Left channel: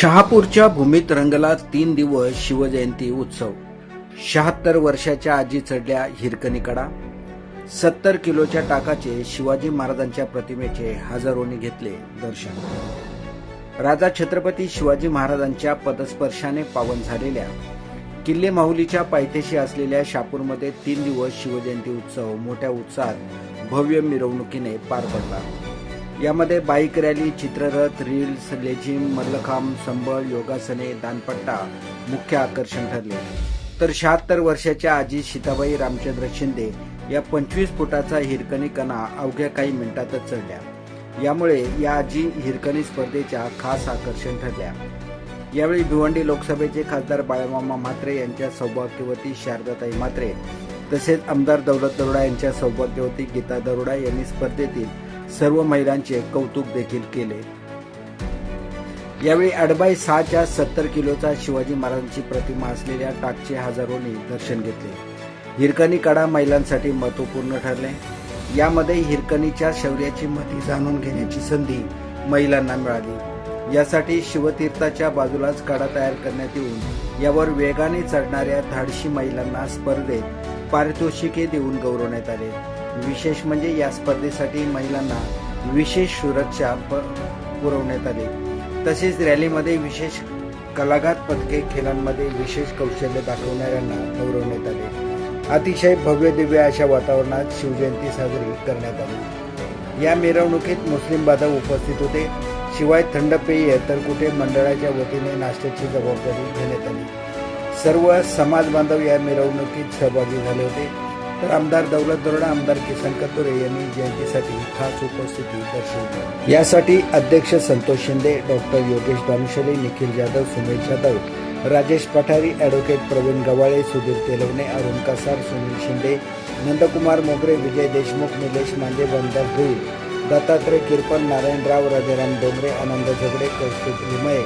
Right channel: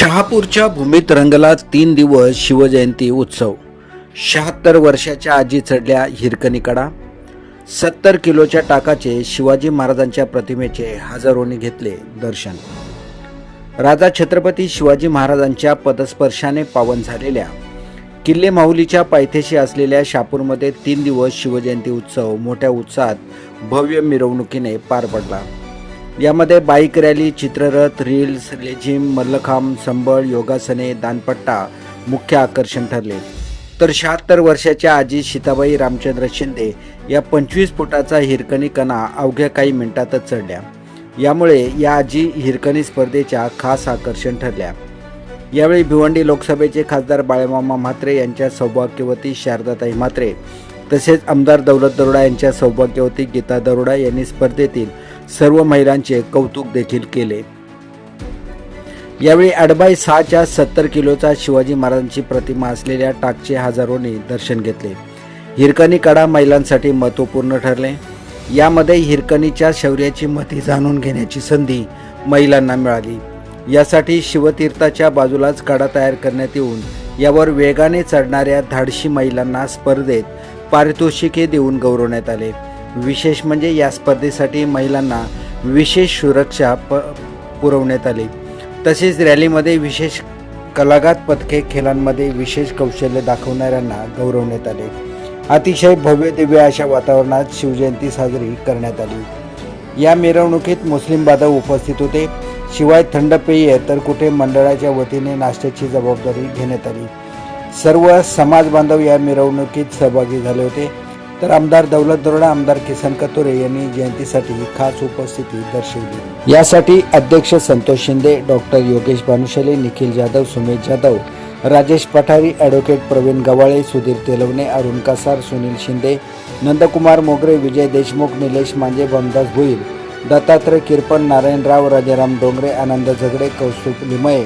शहापूरच्या भूमीत रंगला तीन दिवस शिवजयंती उत्सव. शहात्तर वर्षाच्या आजी चढल्या हिरकणीकडा. सत्तर किलोच्या टाकाचे शिवाजी महाराजांच्या प्रतिमेचे हजारोंनी घेतले दर्शन. राजा छत्रपती शिवाजी महाराजांच्या पदस्पर्शाने पावन झालेल्या किल्ले माहुलीच्या पायथ्याशी असलेल्या शहापूरमध्ये तीन दिवस शिवजयंती उत्सव मोठ्या उत्साहात भव्य मिरवणुकीने पार पडला. यामध्ये बाईक रॅली चित्ररथ रील्स लेझिम मल्लखांब संबळ योगासने दानपट्टा मुख्य आकर्षण ठरले. तर शहात्तर वर्षाच्या आजी सीताबाई रामचंद्र शिंदे या पंचवीस फुटाचा हिरकणी कणा अवघ्या काही मिनिटातच चढल्या. यामुळे या आजी हिरकणी स्पर्धेच्या खास आकर्षण ठरल्या. यावेळी भिवंडी लोकसभेचे खासदार बाळमामा म्हात्रे यांच्या सौभाग्यवती शारदाताई म्हात्रे तसेच आमदार दौलत दरोडा यांच्या सौभाग्यवती गीता दरोडा यांनी स्पर्धेतील सर्व महिलांचे कौतुक देखील केले. यावेळी अडबाई सहाच्या सत्तर किलोचा शिवाजी महाराजांची प्रतिमा असलेल्या टाकचे हजारोंनी दर्शन घेतले. हिरकणी कडा महिलांसाठी महत्त्वपूर्ण ठरले. यामध्ये हिरकणीच्या शौर्याची मती जाणून घेण्याची संधी महिलांना मिळाली. यासाठी शिवतीर्थाच्या बाजूलाच कडा तयार करण्यात येऊन यावर वेगाने चढणाऱ्या धाडशी महिलांना स्पर्धेत पारितोषिके देऊन गौरवण्यात आले. विशेष म्हणजे या स्पर्धेसाठी महिलांना विशेष सुरक्षा प पुरवण्यात आली. तसेच रॅलीमध्ये विशेष कलागात पदके खेळांमध्ये विशेष कौशल्य दाखवणाऱ्यांना गौरवण्यात आले. अतिशय भव्य दिव्य अशा वातावरणात शिवजयंती साजरी करण्यात आली. या मिरवणुकीत मुस्लिम बांधव उपस्थित होते. शिवाय थंड पेय तर कुठे मंडळाच्या वतीने नाश्त्याची जबाबदारी घेण्यात आली. सर्व समाज बांधव या मिरवणुकीत सहभागी झाले होते. तर आमदार दौलत दरोडा आमदार किसन कतोरे यांनी जयंतीसाठी खास उपस्थिती दर्शवली. यासाठी अध्यक्ष संतोष शिंदे डॉक्टर योगेश भानुशाली निखिल जाधव सुमेश जाधव राजेश पठारी ॲडव्होकेट प्रवीण गवाळे सुधीर तेलवणे अरुण कासार सुनील शिंदे नंदकुमार मोगरे विजय देशमुख निलेश मांजे बमदास भुईर दत्तात्रय किरपण नारायणराव राजाराम डोंगरे आनंद झगडे कौस्तुभ लिमये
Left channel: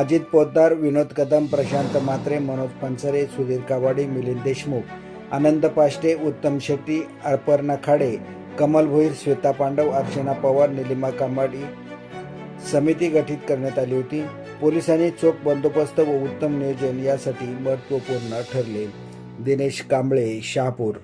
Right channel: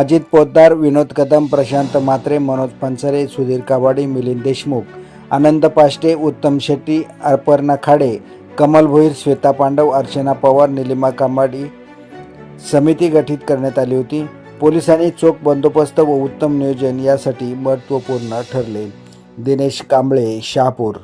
अजित पोद्दार विनोद कदम प्रशांत म्हात्रे मनोज पंचरे सुधीर कावाडी मिलिंद देशमुख आनंद पाष्टे उत्तम शेट्टी अर्पर्णा खाडे कमल भोईर श्वेता पांडव अर्चना पवार निलिमा कांबाडी समिती गठीत करण्यात आली होती. पोलिसांनी चोख बंदोबस्त व उत्तम नियोजन यासाठी महत्त्वपूर्ण ठरले. दिनेश कांबळे शहापूर